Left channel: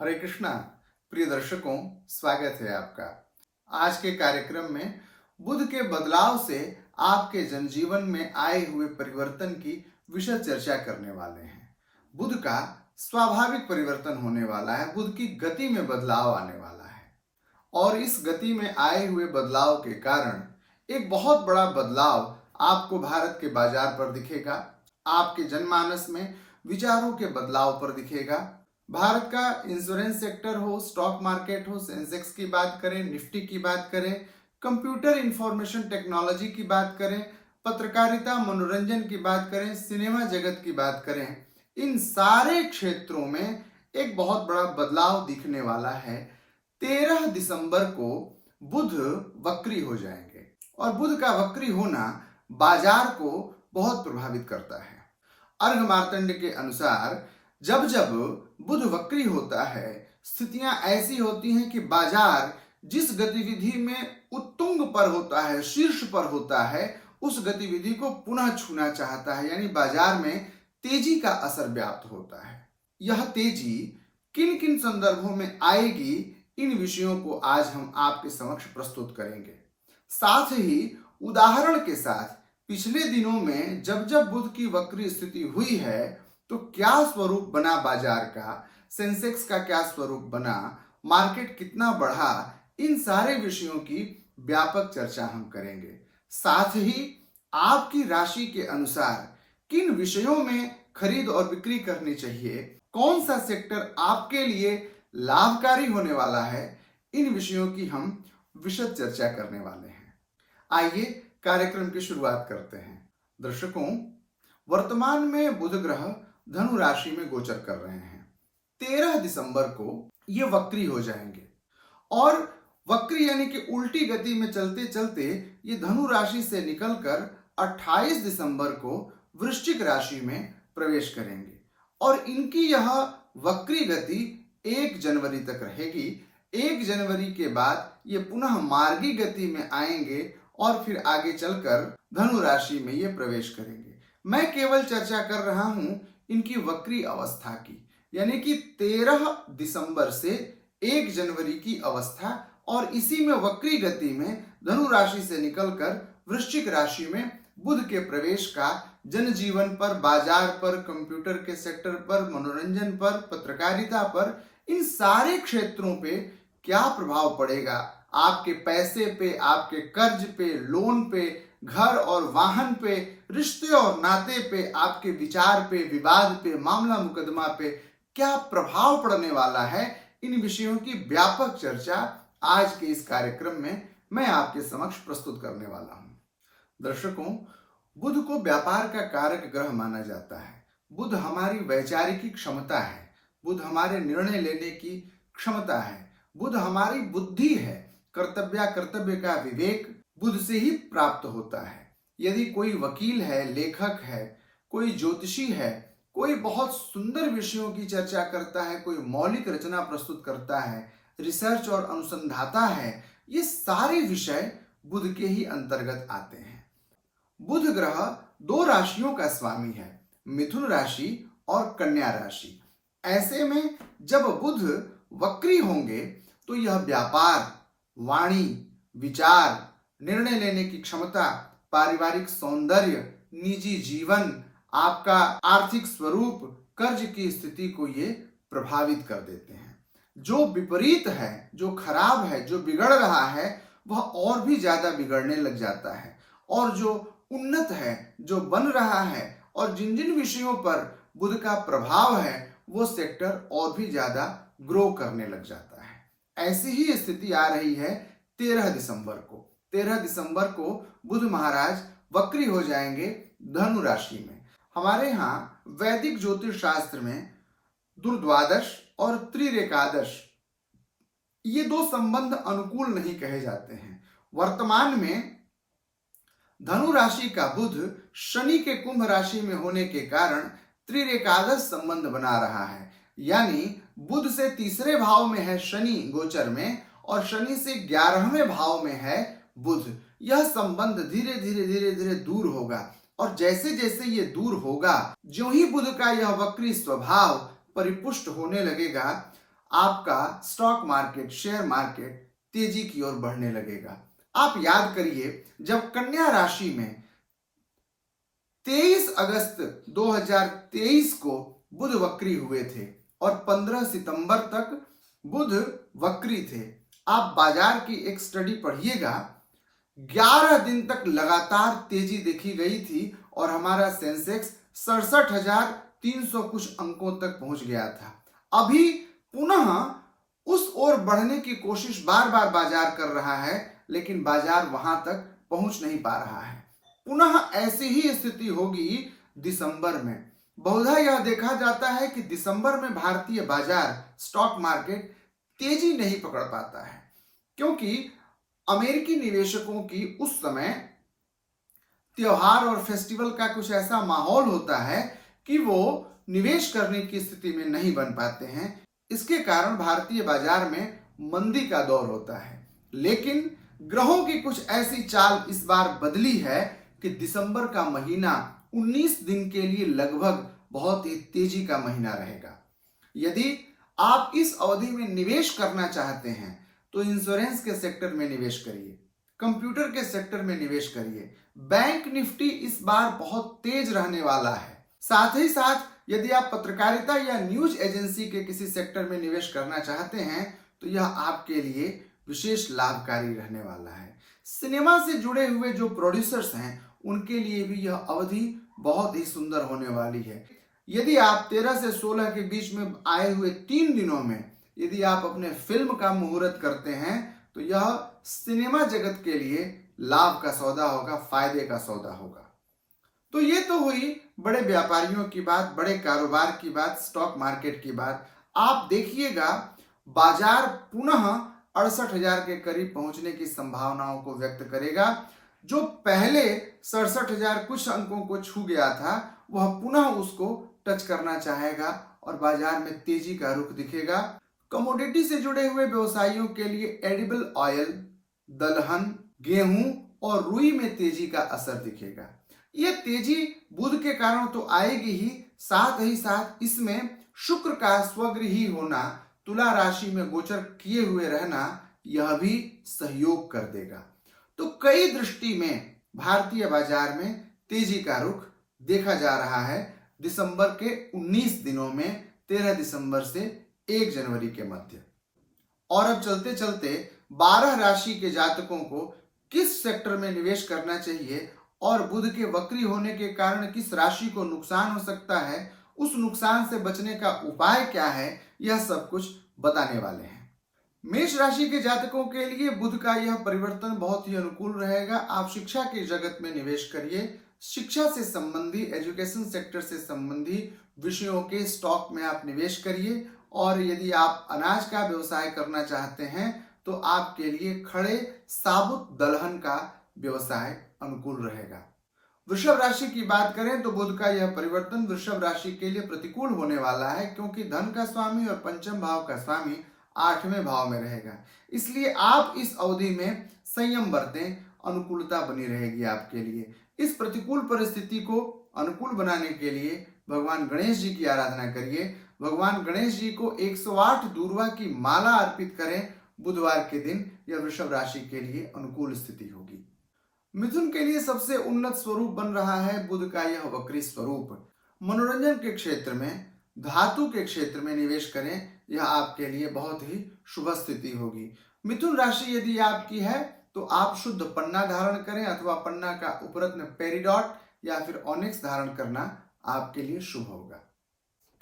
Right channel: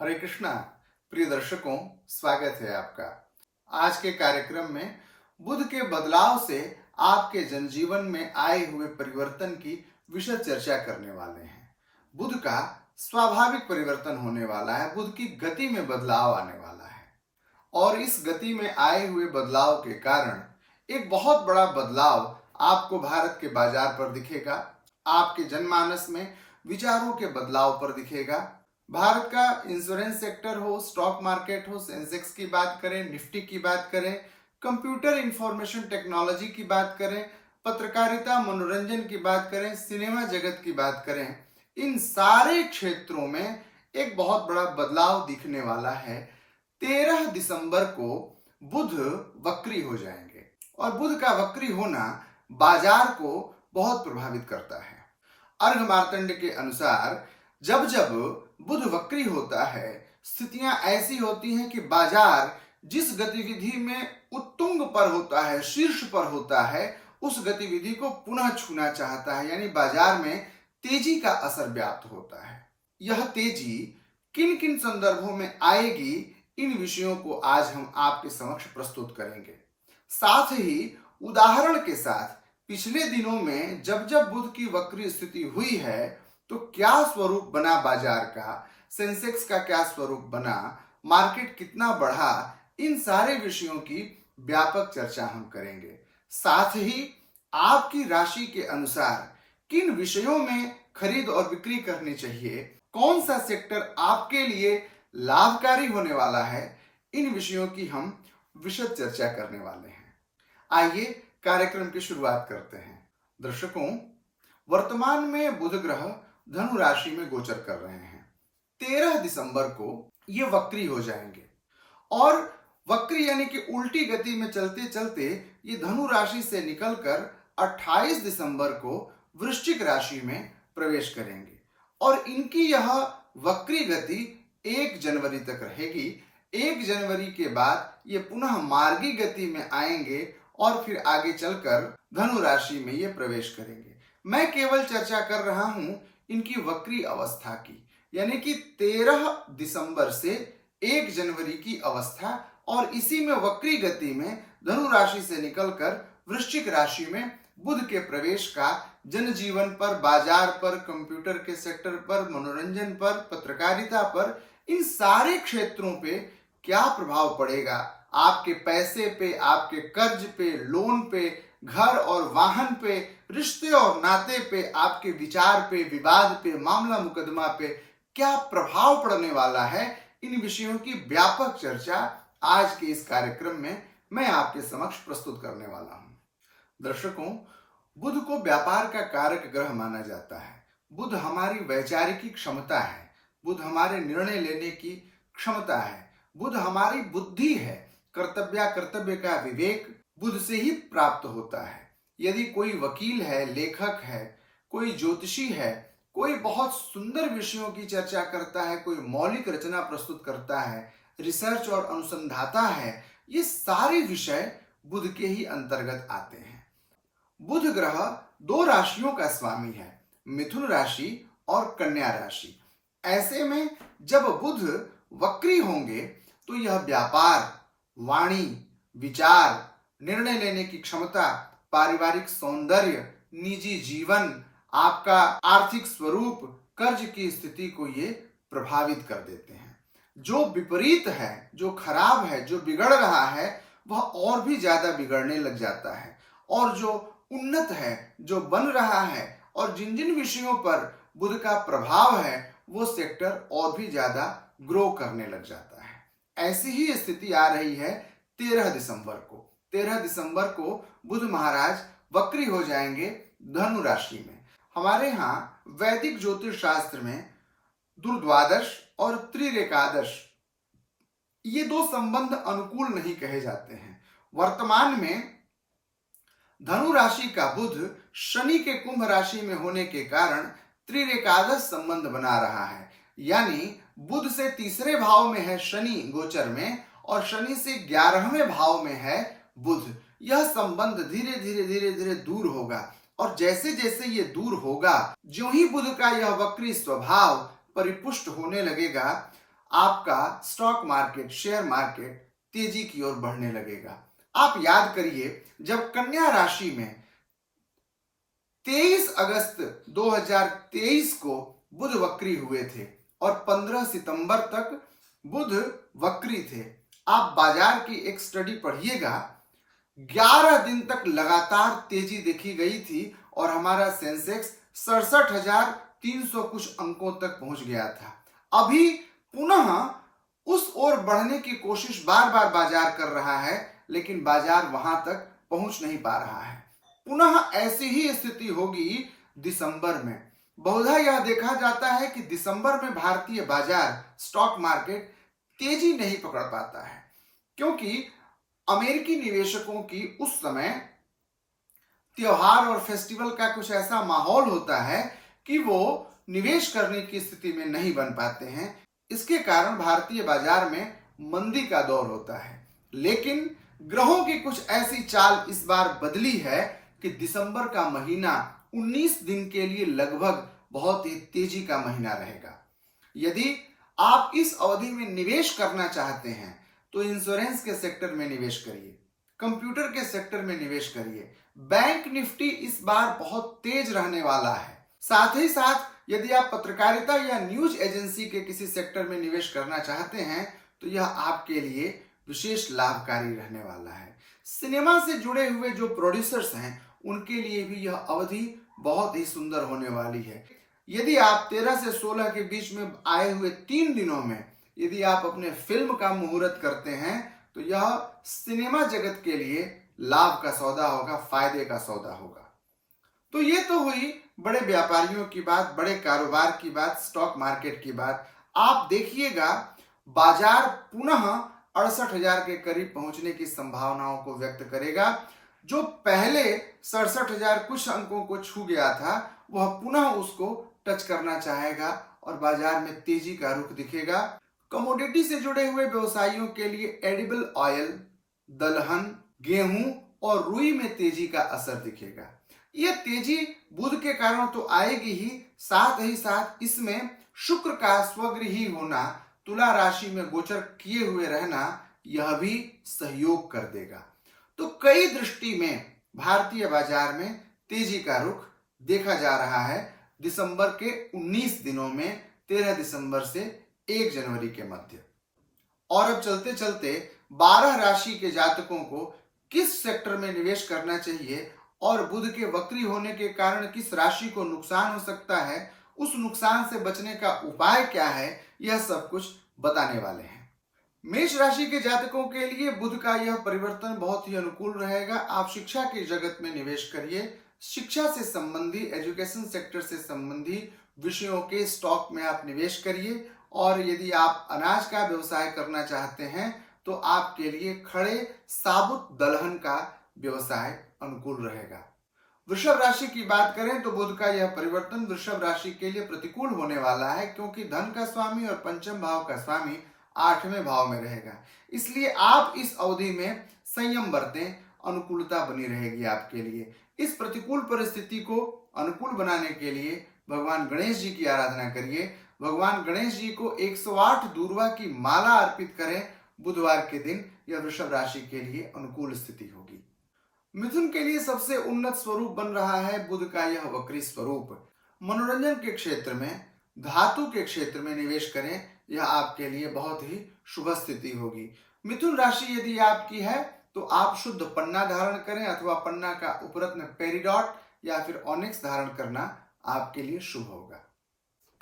हरे कृष्णा। प्रिय दर्शकों, स्वागत है आपका। आज के कार्यक्रम में बुध के बदलाव से आपके जनजीवन में आए हुए परिवर्तन की विशद चर्चा करने वाले हैं। बुध का स्वाभाविक परिवर्तन होने वाला है, बुध की गति में बदलाव आने वाला है और इस गति में आए हुए बदलाव के कारण एक बहुत बड़ा बदलाव आपको भारत के बाजार पर दिखेगा, आपके जनमानस में विचारों के बदलाव पर दिखेगा। भारत का इंश्योरेंस सेक्टर हो, स्टॉक मार्केट हो, सेंसेक्स की बात करें, निफ्टी की बात करें, कंप्यूटर इंफॉर्मेशन टेक्नोलॉजी की बात करें, पत्रकारिता मनोरंजन की बात करें, सिनेमा जगत की बात करें, इन सारे क्षेत्रों में एक बहुत बड़ा बदलाव दिखने वाला है। 13 दिसंबर को बुध वक्री हो जाएंगे और बुध का वक्री होना बाजार को बहुत प्रभावित करता है। अर्घ मार्तंड के अनुसार जब जब बुध वक्री होता है, स्थितियां ऐसी होती हैं कि बाजार जिस गतिविधि में उत्तुंग पर होता है, शीर्ष पर होता है, उस गतिविधि को पुनः छूना चाहता है, यानी बाजार में तेजी का असर व्याप्त होता है। यह तेजी किन किन संदर्भों में आएगी, इन विषयों को आज हम आपके समक्ष प्रस्तुत करेंगे। साथ ही उदाहरण के साथ पिछले दिनों में जब जब बुध की वक्री स्थिति हुई है तो क्या स्वरूप बना बाजार का, सेंसेक्स का क्या स्वरूप बना, मार्केट कितना बढ़ा, इन सारे विषयों की व्यापक चर्चा हम करेंगे। साथ ही आपकी राशि के अनुसार किन विषयों में खरीद और बिक्री करनी चाहिए, कौन सा सेक्टर आपके लिए लाभकारी होने वाला है, इन विषयों की हम विशद चर्चा करने वाले हैं। आइए कार्यक्रम की शुरुआत करते हैं। दर्शकों, वर्तमान में बुध ग्रह धनु राशि में गोचर कर रहे हैं। 13 दिसंबर को ये वक्री हो जाएंगे और वक्री यानी कि उल्टी गति में चलते चलते ये धनु राशि से निकलकर 28 दिसंबर को वृश्चिक राशि में प्रवेश करेंगे और इनकी यह वक्री गति 1 जनवरी तक रहेगी। 1 जनवरी के बाद ये पुनः मार्गी गति में आएंगे और फिर आगे चलकर धनु राशि में ये प्रवेश करेंगे। मैं केवल चर्चा कर रहा हूं इनकी वक्री अवस्था की, यानी कि 13 दिसंबर से 1 जनवरी की अवस्था, और इसी में वक्री गति में धनु राशि से निकलकर वृश्चिक राशि में बुध के प्रवेश का जनजीवन पर, बाजार पर, कंप्यूटर के सेक्टर पर, मनोरंजन पर, पत्रकारिता पर, इन सारे क्षेत्रों पे क्या प्रभाव पड़ेगा, आपके पैसे पे, आपके कर्ज पे, लोन पे, घर और वाहन पे, रिश्ते और नाते पे, आपके विचार पे, विवाद पे, मामला मुकदमा पे क्या प्रभाव पड़ने वाला है, इन विषयों की व्यापक चर्चा आज के इस कार्यक्रम में मैं आपके समक्ष प्रस्तुत करने वाला हूं। दर्शकों, बुध को व्यापार का कारक ग्रह माना जाता है। बुध हमारी वैचारिक क्षमता है, बुध हमारे निर्णय लेने की क्षमता है, बुध हमारी बुद्धि है, कर्तव्य का विवेक बुध से ही प्राप्त होता है। यदि कोई वकील है, लेखक है, कोई ज्योतिषी है, कोई बहुत सुंदर विषयों की चर्चा करता है, कोई मौलिक रचना प्रस्तुत करता है, रिसर्च और अनुसंधाता है, ये सारे विषय बुध के ही अंतर्गत आते हैं। बुध ग्रह 2 राशियों का स्वामी है, मिथुन राशि और कन्या राशि। ऐसे में जब बुध वक्री होंगे तो यह व्यापार, वाणी, विचार, निर्णय लेने की क्षमता, पारिवारिक सौंदर्य, निजी जीवन, आपका आर्थिक स्वरूप, कर्ज की स्थिति को ये प्रभावित कर देते हैं। जो विपरीत है, जो खराब है, जो बिगड़ रहा है, वह और भी ज्यादा बिगड़ने लग जाता है, और जो उन्नत है, जो बन रहा है, और जिन जिन विषयों पर बुध का प्रभाव है, वो सेक्टर और भी ज्यादा ग्रो करने लग जाता है। ऐसी ही स्थिति आ रही है 13 दिसंबर को। 13 दिसंबर को बुध महाराज वक्री हो जाएंगे धनु राशि में। हमारे यहाँ वैदिक ज्योतिष शास्त्र में दुर्द्वादश और त्रिरेकादश, ये 2 संबंध अनुकूल नहीं कहे जाते हैं। वर्तमान में धनु राशि का बुध शनि के कुंभ राशि में होने के कारण त्रिरेकादश संबंध बना रहा है, यानी बुध से 3रे भाव में है शनि गोचर में और शनि से 11वें भाव में है बुध। यह संबंध धीरे धीरे दूर होगा, और जैसे जैसे ये दूर होगा, जो ही बुध का यह वक्री स्वभाव परिपुष्ट होने लगेगा, आपका स्टॉक मार्केट, शेयर मार्केट तेजी की ओर बढ़ने लगेगा। आप याद करिए, जब कन्या राशि में 23 अगस्त 2023 को बुध वक्री हुए थे और 15 सितंबर तक बुध वक्री थे। आप बाजार की एक स्टडी पढ़िएगा, 11 दिन तक लगातार तेजी देखी गई थी और हमारा सेंसेक्स 67,300 कुछ अंकों तक पहुंच गया था। अभी पुनः उस ओर बढ़ने की कोशिश बार बार बाजार कर रहा है, लेकिन बाजार वहां तक पहुंच नहीं पा रहा है। पुनः ऐसी ही स्थिति होगी दिसंबर में। बहुधा यह देखा जाता है कि दिसंबर में भारतीय बाजार, स्टॉक मार्केट तेजी नहीं पकड़ पाता है, क्योंकि अमेरिकी निवेशकों की उस समय त्योहार और फेस्टिवल का कुछ ऐसा माहौल होता है कि वो निवेश करने की स्थिति में नहीं बन पाते हैं। इसके कारण भारतीय बाजार में मंदी का दौर होता है। लेकिन ग्रहों की कुछ ऐसी चाल इस बार बदली है कि दिसंबर का महीना 19 दिन के लिए लगभग बहुत ही तेजी का महीना रहेगा। यदि आप इस अवधि में निवेश करना चाहते हैं तो इंश्योरेंस के सेक्टर में निवेश करिए, कंप्यूटर के सेक्टर में निवेश करिए। बैंक निफ्टी इस बार बहुत तेज रहने वाला है। साथ ही साथ यदि आप पत्रकारिता या न्यूज एजेंसी के किसी सेक्टर में निवेश करना चाहते हैं तो यह आपके लिए विशेष लाभकारी रहने वाला है। सिनेमा से जुड़े हुए जो प्रोड्यूसर्स हैं उनके लिए भी यह अवधि बहुत ही सुंदर होने वाली है। यदि आप 13 से 16 के बीच में आए हुए 3 दिनों में यदि आप अपने फिल्म का मुहूर्त करते हैं तो यह सिनेमा जगत के लिए लाभ का सौदा होगा, फायदे का सौदा होगा। तो ये तो हुई बड़े व्यापारियों की बात, बड़े कारोबार की बात, स्टॉक मार्केट की बात। आप देखिएगा, बाजार पुनः 68,000 के करीब पहुंचने की संभावनाओं को व्यक्त करेगा। जो पहले 67,000 कुछ अंकों को छू गया था वह पुनः उसको टच करना चाहेगा और बाजार में तेजी का रुख दिखेगा। कमोडिटी से जुड़े हुए व्यवसायियों के लिए एडिबल ऑयल, दलहन, गेहूं और रुई में तेजी का असर दिखेगा। यह तेजी बुध के कारण तो आएगी ही साथ इसमें शुक्र का स्वगृही होना, तुला राशि में गोचर किए हुए रहना, यह भी सहयोग कर देगा। तो कई दृष्टि में भारतीय बाजार में तेजी का रुख देखा जा रहा है दिसंबर के 19 दिनों में, 13 दिसंबर से 1 जनवरी के मध्य। और अब चलते चलते 12 राशि के जातकों को किस सेक्टर में निवेश करना चाहिए और बुध के वक्री होने के कारण किस राशि को नुकसान हो सकता है, उस नुकसान से बचने का उपाय क्या है, यह सब कुछ बताने वाले हैं। मेष राशि के जातकों के लिए बुध का यह परिवर्तन बहुत ही अनुकूल रहेगा। आप शिक्षा के जगत में निवेश करिए। शिक्षा से संबंधी, एजुकेशन सेक्टर से संबंधी विषयों के स्टॉक में आप निवेश करिए। और यदि आप अनाज का व्यवसाय करना चाहते हैं तो आपके लिए खड़े साबुत दलहन का व्यवसाय अनुकूल रहेगा। वृषभ राशि की बात करें तो बुध का यह परिवर्तन वृषभ राशि के लिए प्रतिकूल होने वाला है, क्योंकि धन का स्वामी और पंचम भाव का स्वामी 8वें भाव में रहेगा। इसलिए आप इस अवधि में संयम बरतें, अनुकूलता बनी रहेगी आपके लिए। इस प्रतिकूल परिस्थिति को अनुकूल बनाने के लिए भगवान गणेश जी की आराधना करिए। भगवान गणेश जी को 108 दूर्वा की माला अर्पित करें बुधवार के दिन। यह वृषभ राशि के लिए अनुकूल स्थिति होगी। मिथुन के लिए सबसे उन्नत स्वरूप बन रहा है बुध का यह वक्री स्वरूप। मनोरंजन के क्षेत्र में, धातु के क्षेत्र में निवेश करें, यह आपके लिए बहुत ही शुभ स्थिति होगी। मिथुन राशि यदि आपकी है तो आप शुद्ध पन्ना धारण करें अथवा पन्ना का उपरत्न पेरिडॉट या फिर ऑनिक्स धारण करना आपके लिए शुभ होगा।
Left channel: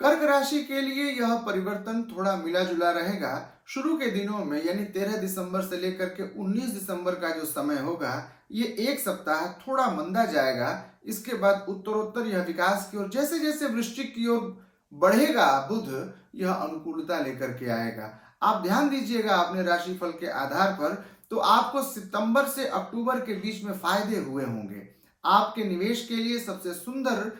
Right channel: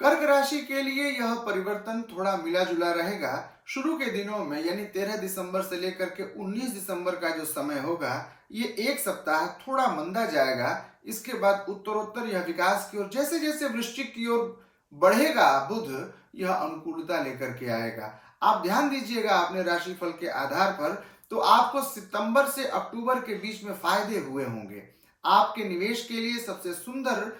कर्क राशि के लिए यह परिवर्तन थोड़ा मिला जुला रहेगा। शुरू के दिनों में यानी 13 दिसंबर से लेकर के 19 दिसंबर का जो समय होगा, ये एक सप्ताह थोड़ा मंदा जाएगा। इसके बाद उत्तरोत्तर यह विकास की ओर, जैसे जैसे वृश्चिक की ओर बढ़ेगा बुध, यह अनुकूलता लेकर के आएगा। आप ध्यान दीजिएगा अपने राशिफल के आधार पर, तो आपको सितंबर से अक्टूबर के बीच में फायदे हुए होंगे। आपके निवेश के लिए सबसे सुंदर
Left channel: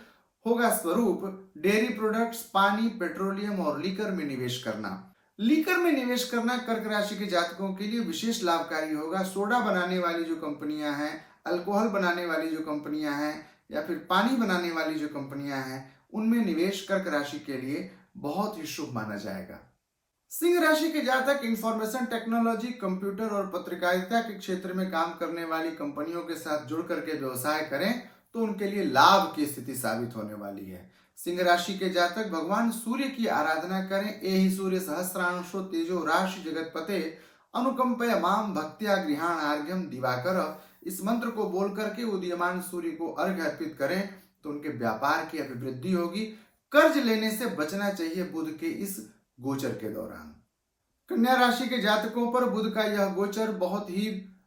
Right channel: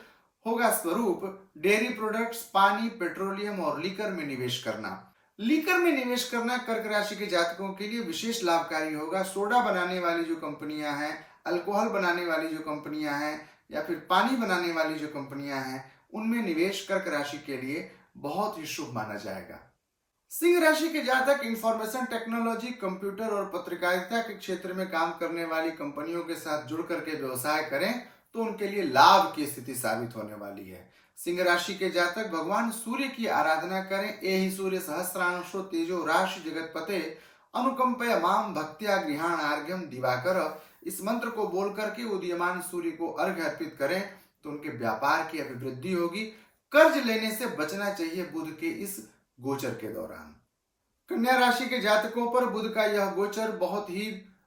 होगा स्वरूप डेयरी प्रोडक्ट्स, पानी, पेट्रोलियम और लीकर में निवेश करना। लीकर में निवेश करना कर्क राशि के जातकों के लिए विशेष लाभकारी होगा। सोडा बनाने वाली जो कंपनियां हैं, अल्कोहल बनाने वाली जो कंपनियां हैं या फिर पानी बनाने वाली जो कंपनियां हैं, उनमें निवेश कर्क राशि के लिए बहुत ही शुभ माना जाएगा। सिंह राशि के जातक इंफॉर्मेशन टेक्नोलॉजी, कंप्यूटर और पत्रकारिता के क्षेत्र में काम करने वाली कंपनियों के साथ जुड़ करके व्यवसाय करें तो उनके लिए लाभ की स्थिति साबित होने वाली है। सिंह राशि के जातक भगवान सूर्य की आराधना करें। एहि सूर्य सहस्रांशो तेजो राशि जगतपते अनुकंपय माम भक्त्या गृहाण आर्घ्यम दिवाकर। इस मंत्र को बोल करके उदीयमान सूर्य को अर्घ्य अर्पित करें तो उनके व्यापार की अभिवृद्धि होगी। कर्ज लेने से बचना चाहिए बुध के इस गोचर के दौरान। कन्या राशि के जातकों पर बुध का यह गोचर बहुत ही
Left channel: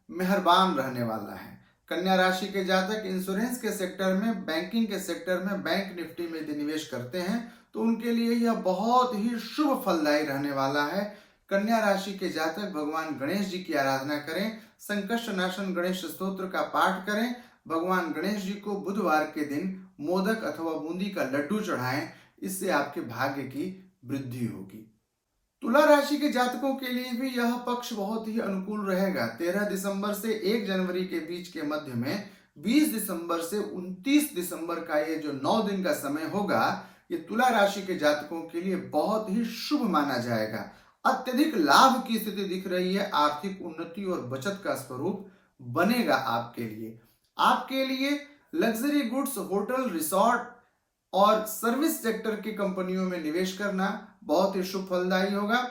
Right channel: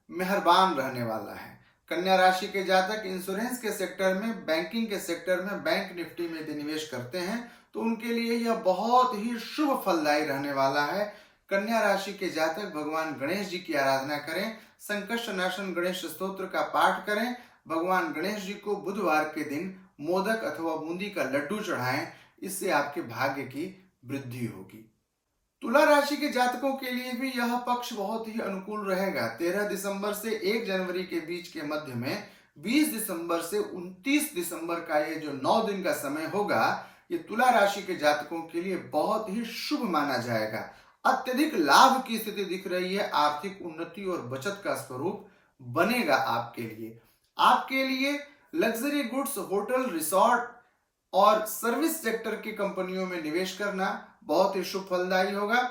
मेहरबान रहने वाला है। कन्या राशि के जातक इंश्योरेंस के सेक्टर में, बैंकिंग के सेक्टर में, बैंक निफ्टी में यदि निवेश करते हैं तो उनके लिए यह बहुत ही शुभ फलदायी रहने वाला है। कन्या राशि के जातक भगवान गणेश जी की आराधना करें। संकष्ट नाशन गणेश स्तोत्र का पाठ करें। भगवान गणेश जी को बुधवार के दिन मोदक अथवा बूंदी का लड्डू चढ़ाएं। इससे आपके भाग्य की वृद्धि होगी। तुला राशि के जातकों के लिए भी यह पक्ष बहुत ही अनुकूल रहेगा। 13 दिसंबर से 1 जनवरी के बीच के मध्य में 20 दिसंबर से 29 दिसंबर का ये जो 9 दिन का समय होगा, ये तुला राशि के जातकों के लिए बहुत ही शुभ माना जाएगा। अत्यधिक लाभ की स्थिति दिख रही है। आर्थिक उन्नति और बचत का स्वरूप बनेगा आपके लिए। आपके लिए लग्जरी गुड्स, होटल, रिसोर्ट और सर्विस सेक्टर की कंपनियों में निवेश करना बहुत ही शुभ फलदायी होगा।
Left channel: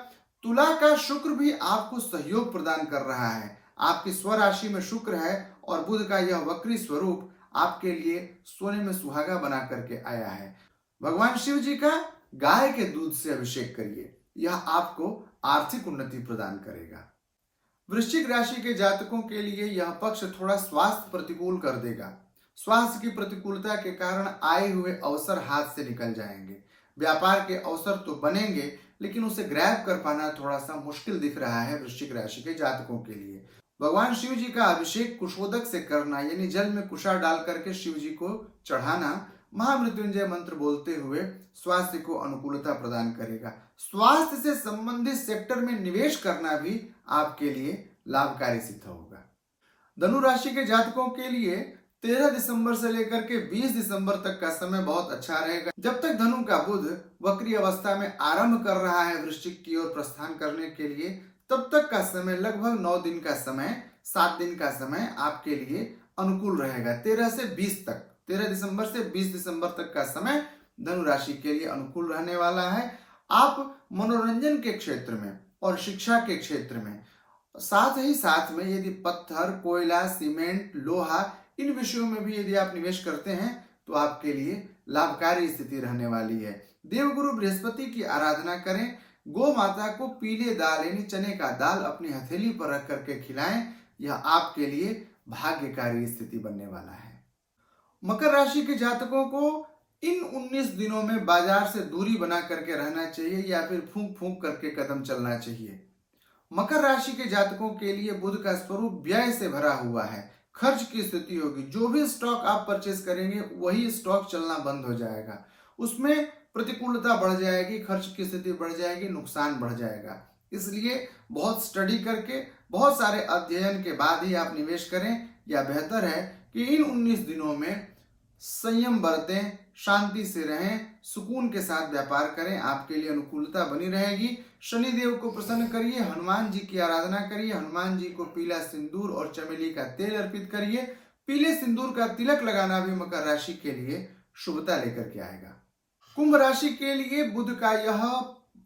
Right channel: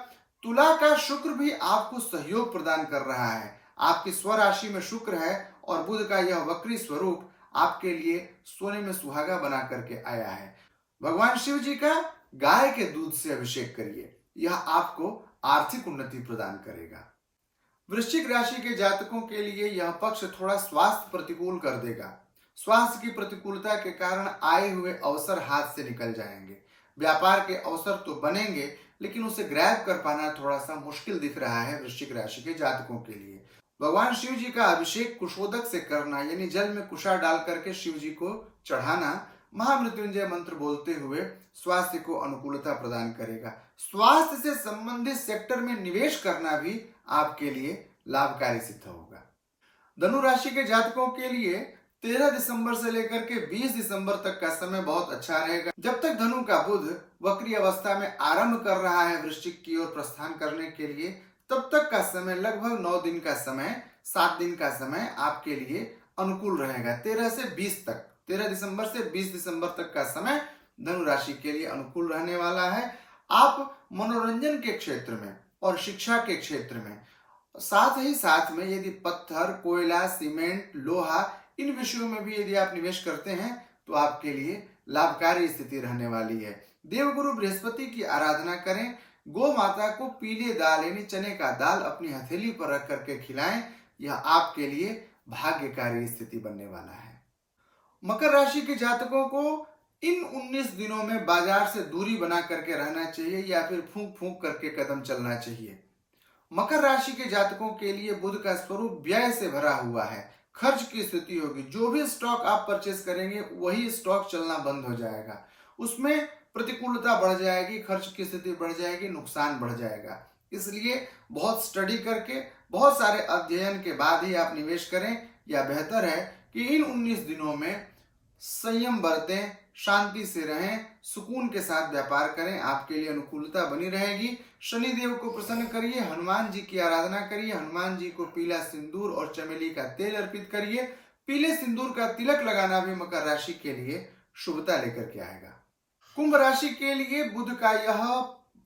तुला का शुक्र भी आपको सहयोग प्रदान कर रहा है। आपकी स्वराशि में शुक्र है और बुध का यह वक्री स्वरूप आपके लिए सोने में सुहागा बना करके आया है। भगवान शिव जी का गाय के दूध से अभिषेक करिए, यह आपको आर्थिक उन्नति प्रदान करेगा। वृश्चिक राशि के जातकों के लिए यह पक्ष थोड़ा स्वास्थ्य प्रतिकूल कर देगा। स्वास्थ्य की प्रतिकूलता के कारण आए हुए अवसर हाथ से निकल जाएंगे। व्यापार के अवसर तो बनेंगे लेकिन उसे ग्रैब कर पाना थोड़ा सा मुश्किल दिख रहा है वृश्चिक राशि के जातकों के लिए। भगवान शिव जी का अभिषेक कुशोदक से करना, यानी जल में कुशा डाल करके शिव जी को चढ़ाना, महामृत्युंजय मंत्र बोलते हुए स्वास्थ्य को अनुकूलता प्रदान करेगा। स्वास्थ्य से संबंधित सेक्टर में निवेश करना भी आपके लिए लाभकारी सिद्ध होगा। धनु राशि के जातकों के लिए 13 दिसंबर से लेकर के 20 दिसंबर तक का समय बहुत अच्छा रहेगा। जब तक धनु का बुध वक्री अवस्था में आरंभ कर रहा है वृश्चिक की ओर प्रस्थान करने के लिए, तब तक का समय लगभग 9 दिन का समय, 7 दिन का समय आपके लिए अनुकूल रहेगा। 13 से 20 तक, 13 दिसंबर से 20 दिसंबर तक का समय धनु राशि के लिए अनुकूल रहने वाला है। आप मनोरंजन के क्षेत्र में और शिक्षा के क्षेत्र में, साथ में यदि पत्थर, कोयला, सीमेंट, लोहा, इन विषयों में भी यदि आप निवेश करते हैं तो आपके लिए लाभकारी स्थिति रहने वाली है। देवगुरु बृहस्पति की आराधना करें। गौ माता को पीले दाल यानी चने का दाल अपनी हथेली पर रख करके खिलाएं। यह आपके लिए भाग्यकारी स्थिति बनने वाला है। मकर राशि के जातकों को इन 19 दिनों में बाजार से दूरी बना करके रहना चाहिए या फिर फूंक फूंक करके कदम चलना चाहिए। मकर राशि के जातकों के लिए बुध का स्वरूप व्यय से भरा हुआ है। खर्च की स्थिति होगी। जो भी स्टॉक आप परचेस करेंगे वही स्टॉक चलना बंद हो जाएगा। उसमें प्रतिकूलता बढ़ जाएगी, खर्च की स्थिति बढ़ जाएगी, नुकसान बढ़ जाएगा। इसलिए बहुत स्टडी करके, बहुत सारे अध्ययन के बाद ही आप निवेश करें। या बेहतर है कि इन 19 दिनों में संयम बरतें, शांति से रहें, सुकून के साथ व्यापार करें, आपके लिए अनुकूलता बनी रहेगी। शनि देव को प्रसन्न करिए, हनुमान जी की आराधना करिए, हनुमान जी को पीला सिंदूर और चमेली का तेल अर्पित करिए। पीले सिंदूर का तिलक लगाना भी मकर राशि के लिए शुभता लेकर के आएगा। कुंभ राशि के लिए बुध का यह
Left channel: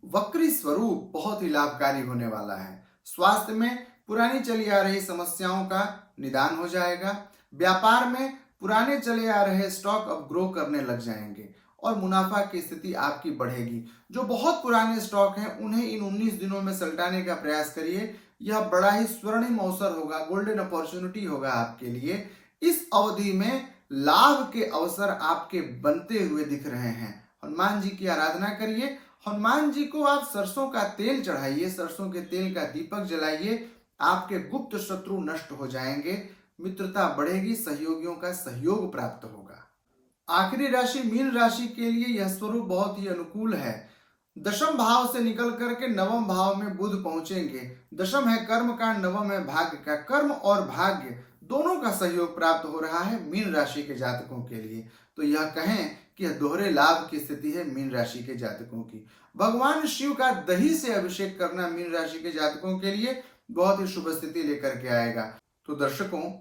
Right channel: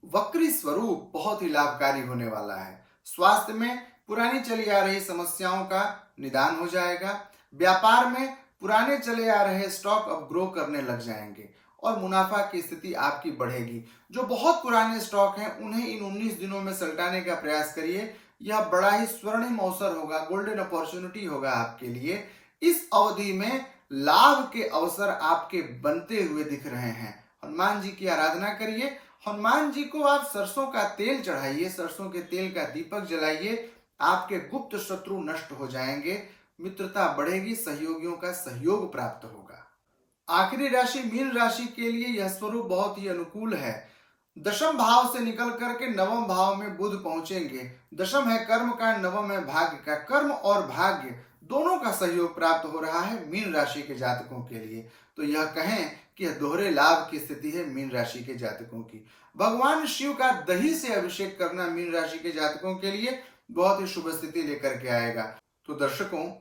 वक्री स्वरूप बहुत ही लाभकारी होने वाला है। स्वास्थ्य में पुरानी चली आ रही समस्याओं का निदान हो जाएगा। व्यापार में पुराने चले आ रहे स्टॉक अब ग्रो करने लग जाएंगे और मुनाफा की स्थिति आपकी बढ़ेगी। जो बहुत पुराने स्टॉक हैं उन्हें इन 19 दिनों में सल्टाने का प्रयास करिए। यह बड़ा ही स्वर्णिम अवसर होगा, गोल्डन अपॉर्चुनिटी होगा आपके लिए। इस अवधि में लाभ के अवसर आपके बनते हुए दिख रहे हैं। हनुमान जी की आराधना करिए। हनुमान जी को आप सरसों का तेल चढ़ाइए, सरसों के तेल का दीपक जलाइए। आपके गुप्त शत्रु नष्ट हो जाएंगे, मित्रता बढ़ेगी, सहयोगियों का सहयोग प्राप्त होगा। आखिरी राशि मीन राशि के लिए यह स्वरूप बहुत ही अनुकूल है। दशम भाव से निकल करके नवम भाव में बुध पहुंचेंगे। दशम है कर्म का, नवम है भाग्य का। कर्म और भाग्य दोनों का सहयोग प्राप्त हो रहा है मीन राशि के जातकों के लिए। तो यह कहें कि यह दोहरे लाभ की स्थिति है मीन राशि के जातकों की। भगवान शिव का दही से अभिषेक करना मीन राशि के जातकों के लिए बहुत ही शुभ स्थिति लेकर के आएगा। तो दर्शकों,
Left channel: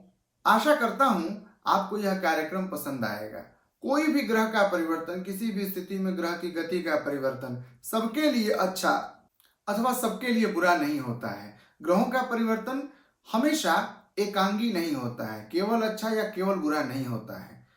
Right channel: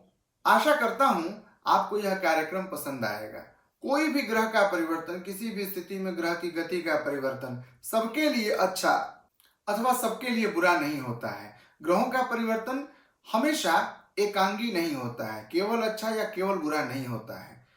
आशा करता हूं आपको यह कार्यक्रम पसंद आएगा। कोई भी ग्रह का परिवर्तन, किसी भी स्थिति में ग्रह की गति का परिवर्तन सबके लिए अच्छा अथवा सबके लिए बुरा नहीं होता है। ग्रहों का परिवर्तन हमेशा एकांगी नहीं होता है, केवल अच्छा या केवल बुरा नहीं होता है।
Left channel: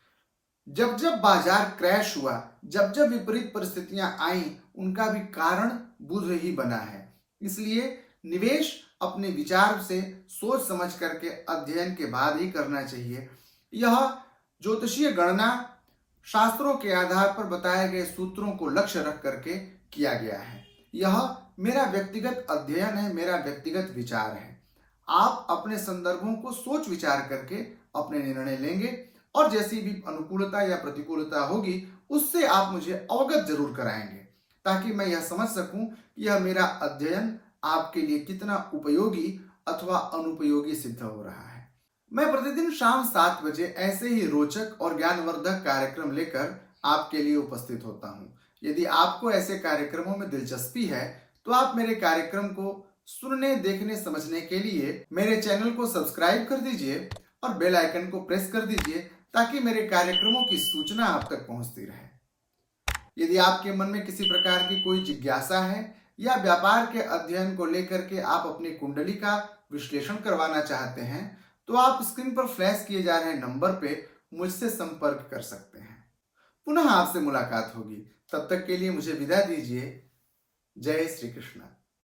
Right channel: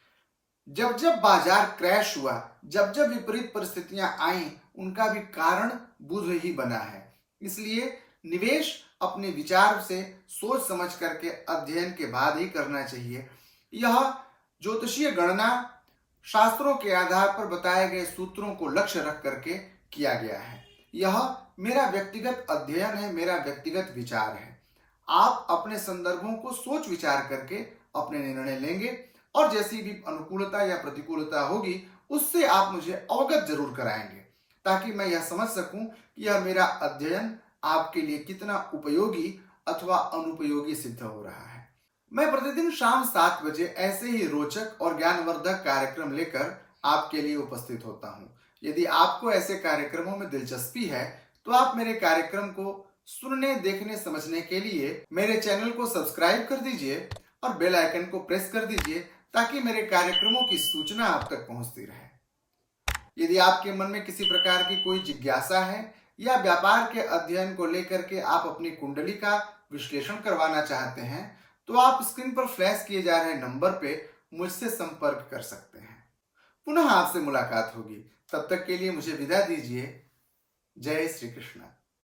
जब जब बाजार क्रैश हुआ, जब जब विपरीत परिस्थितियां आई, उनका भी कारण बुध ही बना है। इसलिए निवेश अपने विचार से सोच समझ करके अध्ययन के बाद ही करना चाहिए। यह ज्योतिषीय गणना शास्त्रों के आधार पर बताए गए सूत्रों को लक्ष्य रख करके किया गया है। यह मेरा व्यक्तिगत अध्ययन है, मेरा व्यक्तिगत विचार है। आप अपने संदर्भों को सोच विचार करके अपने निर्णय लेंगे और जैसी भी अनुकूलता या प्रतिकूलता होगी उससे आप मुझे अवगत जरूर कराएंगे, ताकि मैं यह समझ सकूं कि यह मेरा अध्ययन आपके लिए कितना उपयोगी अथवा अनुपयोगी सिद्ध हो रहा है। मैं प्रतिदिन शाम 7 बजे ऐसे ही रोचक और ज्ञानवर्धक कार्यक्रम लेकर आपके लिए उपस्थित होता हूं। यदि आपको ऐसे कार्यक्रमों में दिलचस्पी है तो आप मेरे कार्यक्रम को सुनने, देखने, समझने के लिए मेरे चैनल को सब्सक्राइब कर दीजिए और बेल आइकन को प्रेस कर दीजिए, ताकि मेरे कार्यक्रमों की सूचना आप तक पहुंचती रहे। यदि आपके मन में किसी प्रकार की कोई जिज्ञासा है या व्यापार के अध्ययन को लेकर के आप अपनी कुंडली का विश्लेषण करवाना चाहते हैं, तो आप स्क्रीन पर फ्लैश किए जा रहे नंबर पे मुझसे संपर्क कर सकते हैं। पुनः आपसे मुलाकात होगी, तब तक के लिए मुझे विदा दीजिए। जय श्री कृष्ण।